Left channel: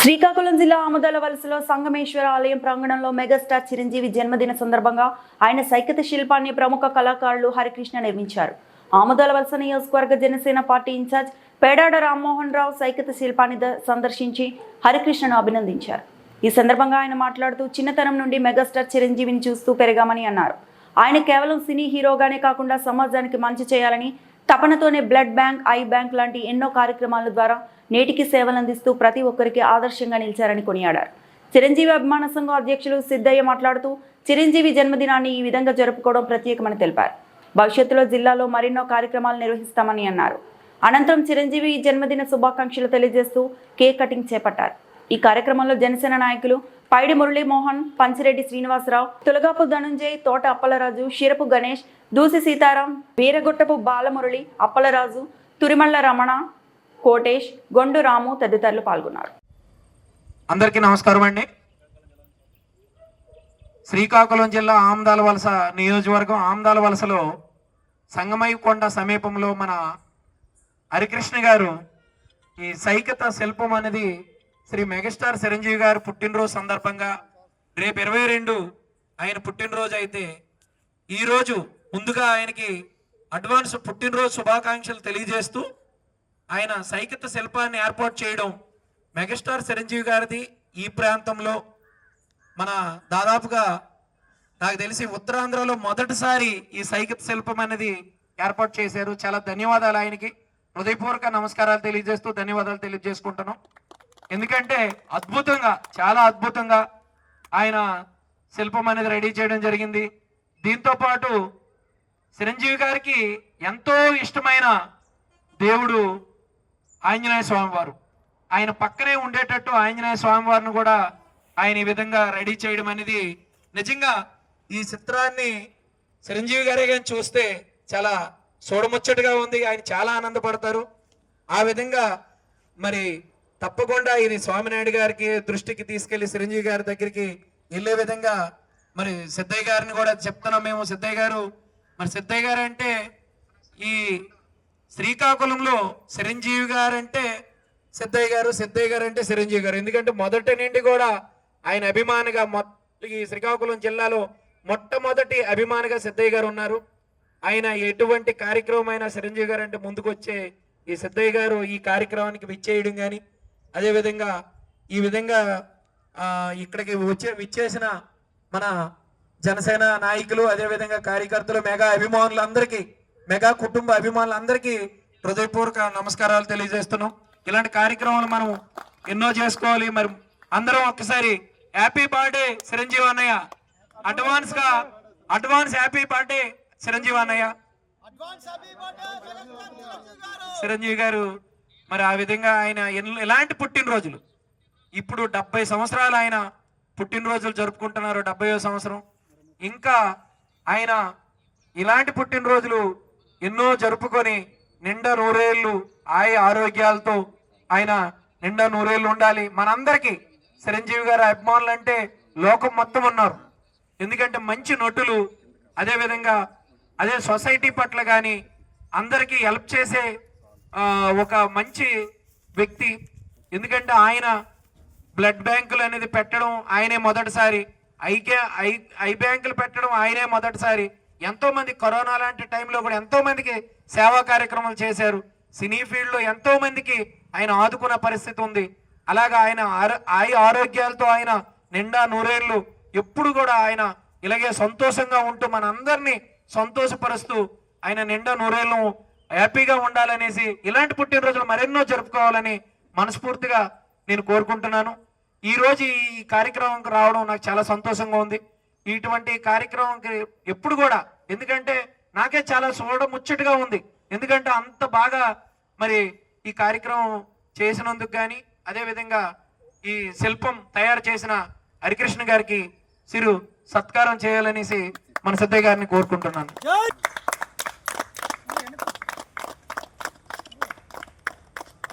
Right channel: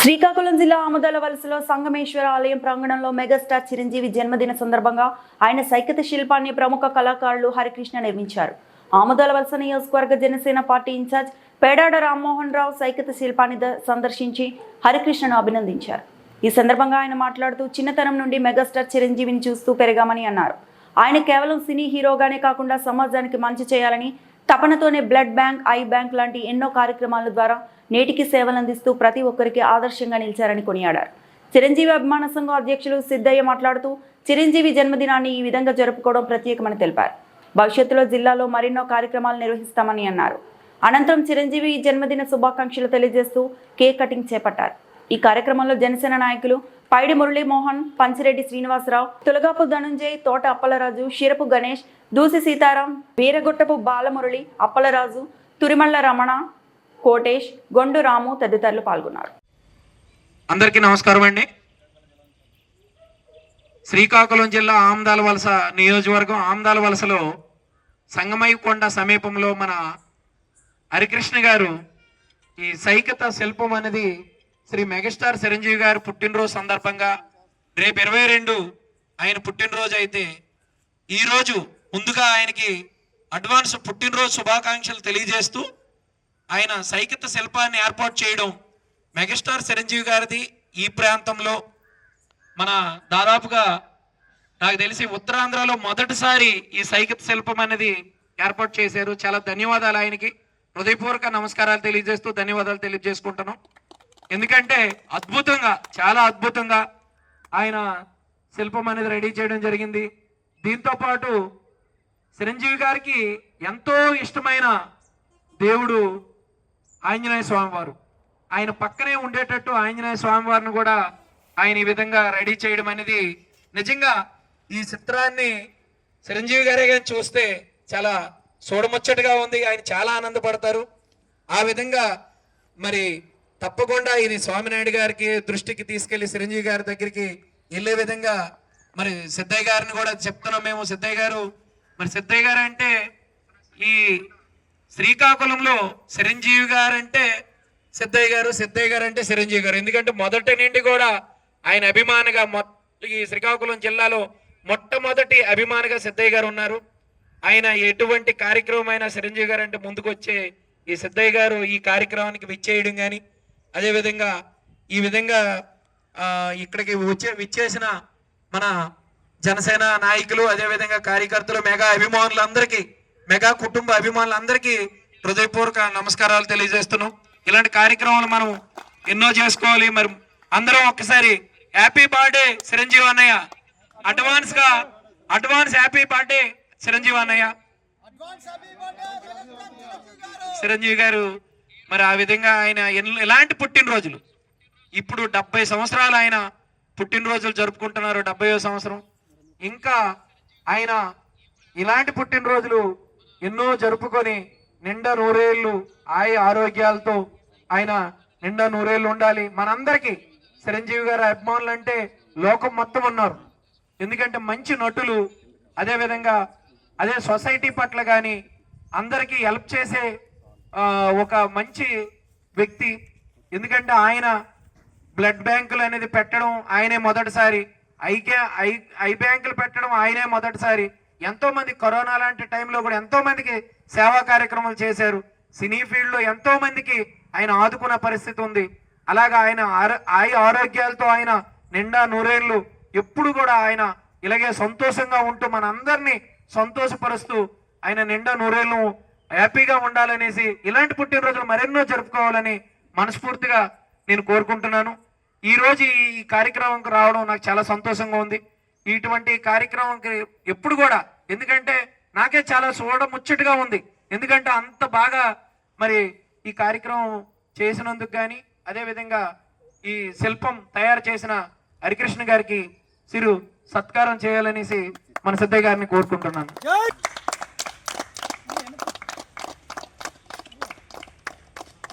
శ్రీకాకుళం జిల్లా ఆముదాల వలసలో సంగమేశ్వర ఆలయం ప్రాంగణంలో మెగాస్టార్ చిరంజీవి జన్మదిన సందర్భంగా ఆయన సైకత శిల్పాన్ని ప్రముఖ కళాకారులు హరికృష్ణ నిర్మించారు. ఆముదాల వలస నియోజకవర్గ జనసేన పార్టీ ఇన్ఛార్జ్ పేడాడ రామ్మోహన్ రావు సైకత శిల్పాన్ని ద- సందర్శించి హరికృష్ణను అభినందించారు. ఈ సందర్భంగా ఆయన మాట్లాడుతూ చిన్నతనం నుండి మెగాస్టార్ చిరంజీవిని చూస్తూ పెరగామని అన్నారు. ఆయన కేవలం సినీ హీరోగానే కాకుండా సమాజానికి మంచి చేయాలని తపనతోనే బ్లడ్ బ్యాంక్ ఐ బ్యాంక్ లాంటి ఎన్నో కార్యక్రమాల ద్వారా నేటికి సేవలందిస్తూ ప్రతి ఒక్కరికి ఆదర్శంగా నిలిచారని కొనియాడారు. చిరంజీవి అభిమాన సంఘం అధ్యక్షులు సిద్ధయ్య మాట్లాడుతూ చిరంజీవి జన్మదినాన్ని ఈ విధంగా జరుపుకోవడం ప్రత్యేకమని తెలిపారు. భవిష్యత్తులో జిల్లాలో మరెన్నో కార్యక్రమాలు నిర్వహిస్తామని అన్నారు. అనంతరం చిరంజీవి జన్మదిన శుభాకాంక్షలు తెలియజేస్తూ కేక్ కటింగ్ చేపట్టారు. ఈ కార్యక్రమంలో జనసేన నాయకులు పైడి మురళీమోహన్ పంచిరెడ్డి శ్రీనివాసరావు తులగాపు ధనుంజయ్ తోట అప్పలరాజు షిరపు గణేష్ దూసి సీతారాం వీరగొట్టపు బాలమురళి అప్పలరాజు తురిమళ్ళ రమణ కోటేష్ గొండు రాము తదితరులు పాల్గొన్నారు. అందరికీ నమస్కారం అండి. శ్రీకాకుళం జిల్లా ఆమ్దాల వలస నియోజకవర్గం ఆమ్దాల వలసలో సంగమయ్యకొండ సమీపంలో మన హరికృష్ణ గారు ఈ సైకత శిల్పం అనేది శ్రీ మెగాస్టార్ చిరంజీవి గారు పుట్టినరోజు సందర్భంగా రేపు ఇరవై రెండు ఆయన పుట్టినరోజు అయితే ఈరోజు ముందుగా ఆయనకి అడ్వాన్స్ పుట్టినరోజు శుభాకాంక్షలు తెలియజేస్తూ ఆయన సైకిత శిల్పాన్ని ఏర్పాటు చేయడం మెగాస్టార్ చిరంజీవి గారిది ఈ ప్రాంతంలో మన దాదాపుగా నాకు తెలిసి ఉత్తరాంధ్రలో మొదటిసారి ఈ సైకిత శిల్పం అనేది ఏర్పాటు చేశారు. చాలా ధన్యవాదాలు ఆయనకి. హృదయపూర్వక నమస్కారాలు తెలియజేస్తూ ధన్యవాదాలు తెలియజేసుకుంటాను ఎందుకంటే అద్భుతంగా చాలా అద్భుతంగా ఆయన శిల్పం అనేది రెడీ చేయడం జరిగింది. దీంతో పాటు చిరంజీవి గారికి ఎంతో ఇష్టమైన దేవుడు ఆంజనేయ స్వామివారు. ఆయన పక్కనే ఉండేటట్టు ఆంజనేయ స్వామివారిని కూడా ఆయన ఈ విధంగా రెడీ చేయడం అనేది నిజంగా ఈ చిత్రాన్ని చిరంజీవి గారే కానీ చూస్తే చాలా చూడముచ్చటగా ఉంది. ఆయన చాలా ఆనందపడతారు. ఆ విధంగా మరి తప్పకుండా ఇది స్వామినాయుడు గారికి దృష్టికి తీసుకెళ్ళి చిరంజీవి గారి దగ్గరికి వెళ్ళే విధంగా మరి సిద్ధయ్య గారిని కూడా చెప్తున్నాం మేము. సిద్ధయ్య గారు మరి సిద్ధయ్య గారు అంటే ఈ శ్రీకాకుళంలో చిరంజీవి గారు అంటే సిద్ధయ్య గారు సిద్ధయ్య గారు అంటే చిరంజీవి గారు. ఎందుకంటే మొదటి నుండి కూడా ఆయన అభిమానిగా మొ- ఈ శ్రీకాకుళం జిల్లాలో మొట్టమొదటి అభిమానిగా సిద్ధయ్య గారు ఉన్నారు. ఆయన ఎటువంటి కార్యక్రమం అయినా చిరంజీవి గారు అంటే ముందుకు వచ్చే ఈ సిద్ధయ్య గారు ఈ కార్యక్రమానికి విచ్చేయడం కానీ అదేవిధంగా ఈ విధంగా ఇక్కడికి వచ్చే విచ్చేసిన మన జనసేన నాయకులు అదేవిధంగా కార్యకర్తలు మెగా అభిమానులందరికీ మెగా కుటుంబ అభిమానులందరికీ హృదయపూర్వక నమస్కారాలు తెలియజేస్తున్నాం. ఇలాంటి కార్యక్రమాలు మనం ఎన్నో చేసుకోవాలి. మరి అందరం ఒక్కసారి హ్యాపీ బర్త్డే చిరంజీవి అన్నయ్య. అడ్వాన్స్గా అడ్వాన్స్ హ్యాపీ బర్త్డే చిరంజీవి అన్నయ్య. చిరంజీవి గారు మరి ఆ విధంగా ఆయన ఎన్- ఎలాంటి పుట్టినరోజులు? ఇప్పుడు డెబ్బై సంవత్సరాలు ఆయన పుట్టినరోజులు జరుపుకుంటున్నారు డెబ్బై సంవత్సరం. ఇంకా ఆయన ఇలాంటి పుట్టినరోజులు ఎన్నో జరుపుకొని నిండా నూరేళ్ళు ఆయ ఆరోగ్యాలతో ఆయన నిండా నూరేళ్ళు ఉండాలి. మనందరికీ చిరంజీవి గారి అభిమానులు అంటే లోకం మొత్తం ఉన్నారు. ఎందుకంటే మంచి నటులు అదేవిధంగా అదే సొసైటీ పట్ల కానీ అందరికీ హెల్ప్ చేసే ఒక మంచి వ్యక్తి. ఎందుకంటే ఆయన బ్లడ్ బ్యాంకులు అనేది పెట్టడం ఆయనే మొదటిసారి. ఐకే ఐ ఐ బ్యాంకులు పెట్టడం ఆయనే మొదటిసారి. ఎంతోమంది కరోనా లాంటి టైంలో కూడా ఎంతోమందికి సేవా కార్యక్రమాలు చేశారు. సినీ ఫీల్డ్లో ఎంతోమందికి ఆయన ఆదుకున్న పరిస్థితి ఉంది. అలాగా ఆయన ఆరో- ఆయ ఆరోగ్యాలతో ఆయన నిండా నూరేళ్ళు. ఎప్పుడు కూడా ఆయన ఇలాగే సంతోషంగా ఉంటూ మనందరినీ సంతోషపరుస్తూ ఆయన నిండా నూరేళ్ళు హ్యాపీగా ఉండాలనేసి ఇలాంటి పుట్టినరోజులు మరెన్నో జరుపుకోవాలని మనస్ఫూర్తిగా నేను కోరుకుంటున్నాను. ఈరోజు ఈ కార్యక్రమంకి రావడం నాకు చాలా సంతోషంగా ఉంది. ఇటువంటి కార్యక్రమంకి ఎప్పుడు కూడా ఎందుకంటే నాకే చాలా చూడ ముచ్చటగా ఉంది. ఎందుకంటే అంత బాగా మరి ఈ కార్యక్రమం చేసినందుకు కానీ అదేవిధంగా ఈ శిల్పం తయారు చేసిన హరికృష్ణ గారికి సిరు సత్కారం చేయాలనేసి మన సిద్ధయ్య గారిని కోరుకుంటున్నాను